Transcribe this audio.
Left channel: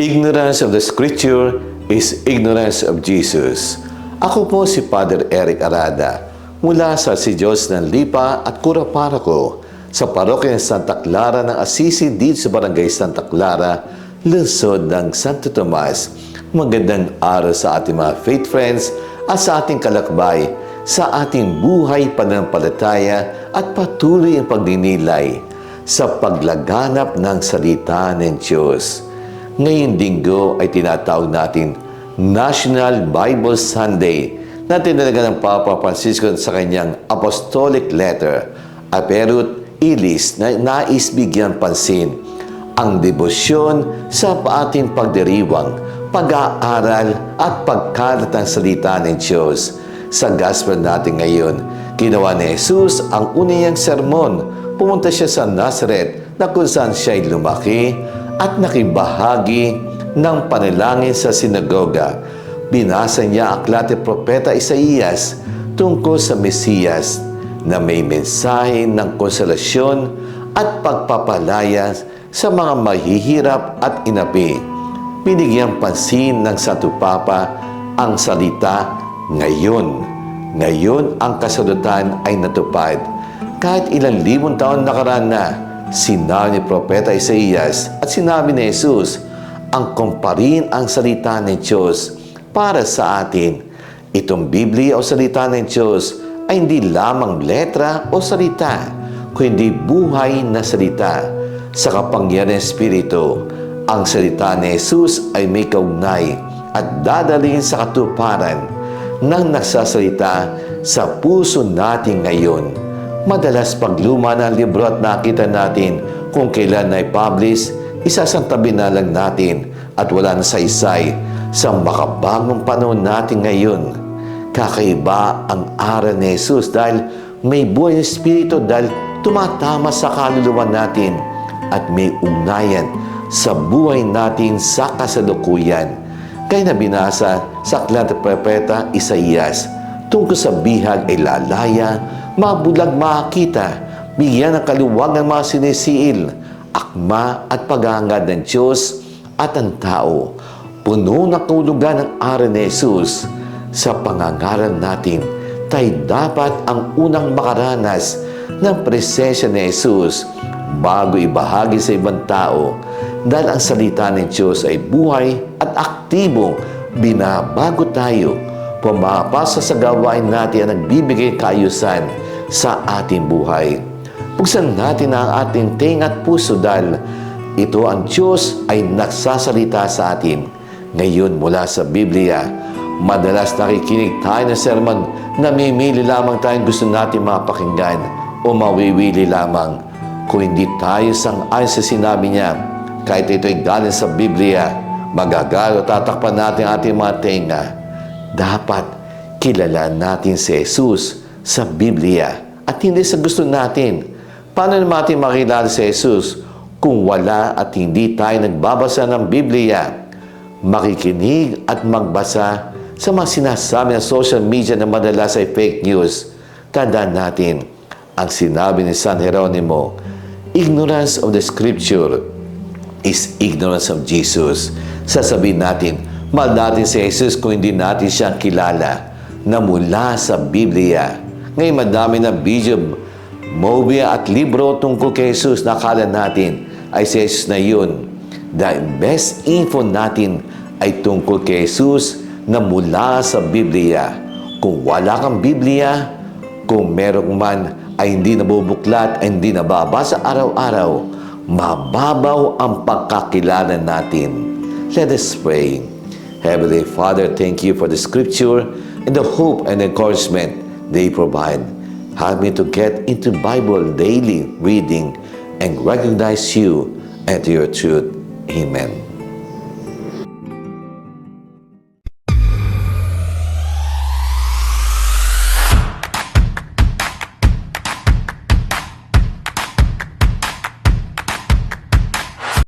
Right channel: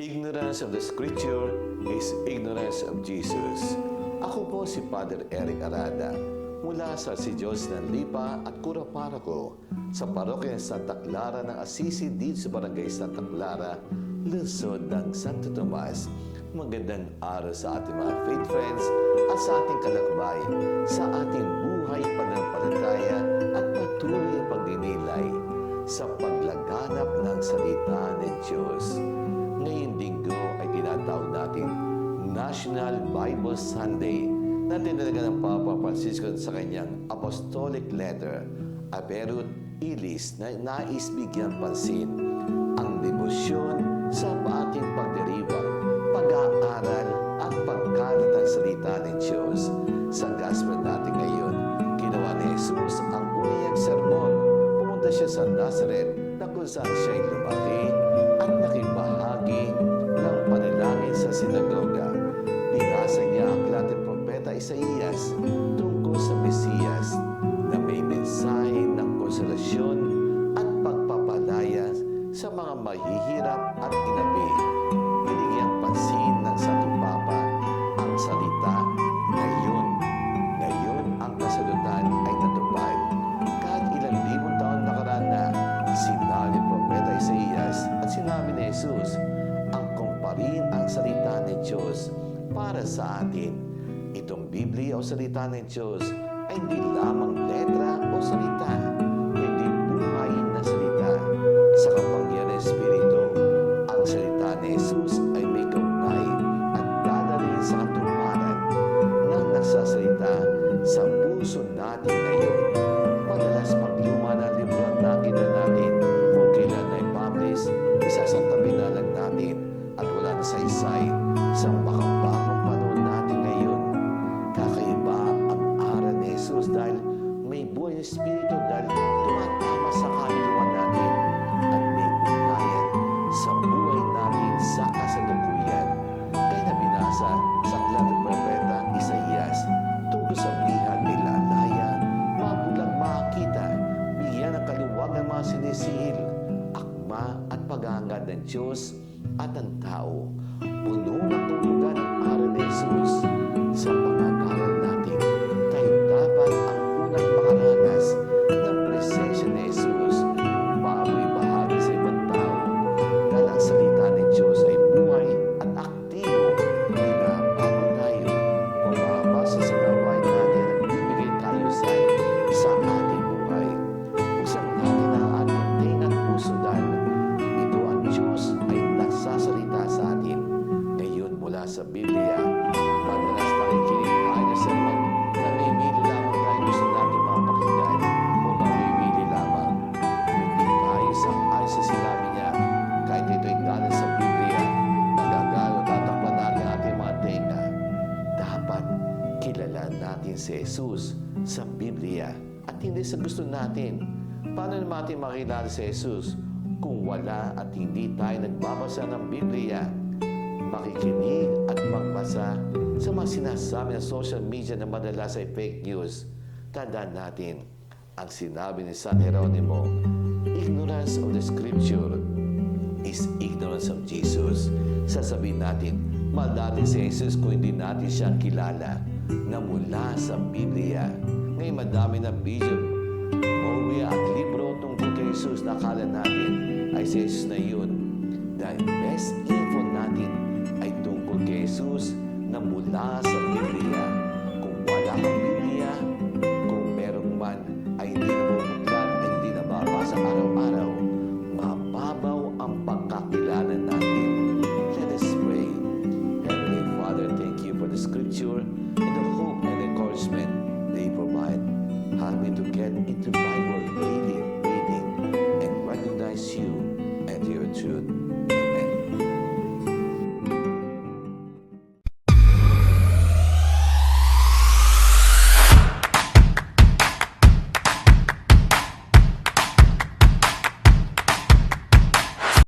Ignorance of the Scripture is ignorance of Jesus. Ako po si Father Eric Arada mula sa Si Diyos ng Lipa at Curaparaco sa Parokya ng Santa Clara ng Assisi dito sa Barangay Santa Clara, lungsod ng Santo Tomas. Magandang araw sa ating mga faith friends at sa ating kalakbay sa ating buhay pananampalataya at patuloy ang pagdinilay sa paglaganap ng salita ng Diyos. Ngayong linggo ay tinatawag natin National Bible Sunday na tinalaga ng Papa Francisco sa kanyang apostolic letter, Aperut Ilis, na nais bigyan pansin ang debosyon sa ating pagdiriwang, pag-aaral at pagkalat ng salita ng Diyos. Sa gospel natin ngayon, ginawa ni Jesus ang unang sermon. Pumunta siya sa Nazareth na kung saan siya ay lumaki at nakibahagi ng panalangin sa sinagoga. Binasa niya ang aklat ni Propeta Isaías tungkol sa Mesiyas na may mensahe ng konsolasyon at pagpapalaya sa mga mahihirap at inapi. Binigyang pansin ng Santo Papa ang salita ngayon. Ngayon ang kasalutan ay natupad. Kahit ilang libong taon nakaraan na, sinabi ni Propeta Isaías at sinabi ni Jesus, ang kumparin ang salita ng Diyos para sa atin. Itong Biblia o salita ng Diyos ay hindi lamang letra o salita, kundi buhay na salita. Sa kapangyarihan ng Espiritu, ang salita ni Jesus ay may kaugnay at dadalhin sa katuparan ng nagsasalita sa puso natin ngayon. Madalas pagluma ng libro at nakita natin kung kailan na i-publish, isasantabi na lang natin at wala na saysay sa makabagong panahon natin ngayon. Kakaiba ang aral ni Jesus dahil may buhay ng Espiritu dahil tumatama sa kaluluwa natin at may ugnayan sa buhay natin sa kasalukuyan. Kaya na binasa sa aklat ng Propeta Isaías, tungkol sa bihag ay lalaya, mabulag makakita, bigyan ng kaluwag ng mga sinisiil, akma at paghahangad ng Diyos at ang tao. Puno na kahulugan ng aral ni Jesus. Sa pangangaral natin, tayo dapat ang unang makaranas ng presensya ni Jesus bago ibahagi sa ibang tao. Dahil ang salita ng Diyos ay buhay at aktibo, binabago tayo. Pumapasa sa gawain natin ang nagbibigay kaayusan sa ating buhay. Buksan natin ang ating tenga at puso dahil ito ang Diyos ay nagsasalita sa atin. Ngayon mula sa Biblia, madalas nakikinig tayo ng sermon, namimili lamang tayong gusto natin mapakinggan o mawiwili lamang. Kung hindi tayo sang-ayon sa sinabi niya, kahit ito'y galing sa Biblia, magagalo tatakpan natin ating mga tenga. Dapat kilala natin si Jesus sa Biblia at hindi sa gusto natin. Paano natin makilala si Jesus kung wala at hindi tayo nagbabasa ng Biblia? Makikinig at magbasa sa mga sinasabi ng social media na madalas ay fake news. Tandaan natin ang sinabi ni San Jeronimo, ignorance of the Scripture is ignorance of Jesus. Sasabihin natin, mahal natin si Jesus kung hindi natin siyang kilala na mula sa Biblia. Ngayon madami na video, movie at libro tungkol kay Jesus na akala natin ay si Jesus na yun. The best info natin ay tungkol kay Jesus na mula sa Biblia. Kung wala kang Biblia, kung meron man ay hindi nabubuklat, ay hindi nababasa araw-araw, mababaw ang pagkakilala natin. Let us pray. Heavenly Father, thank you for the Scripture and the hope and encouragement they provide. Help me to get into Bible daily reading and recognize you and your truth. Amen.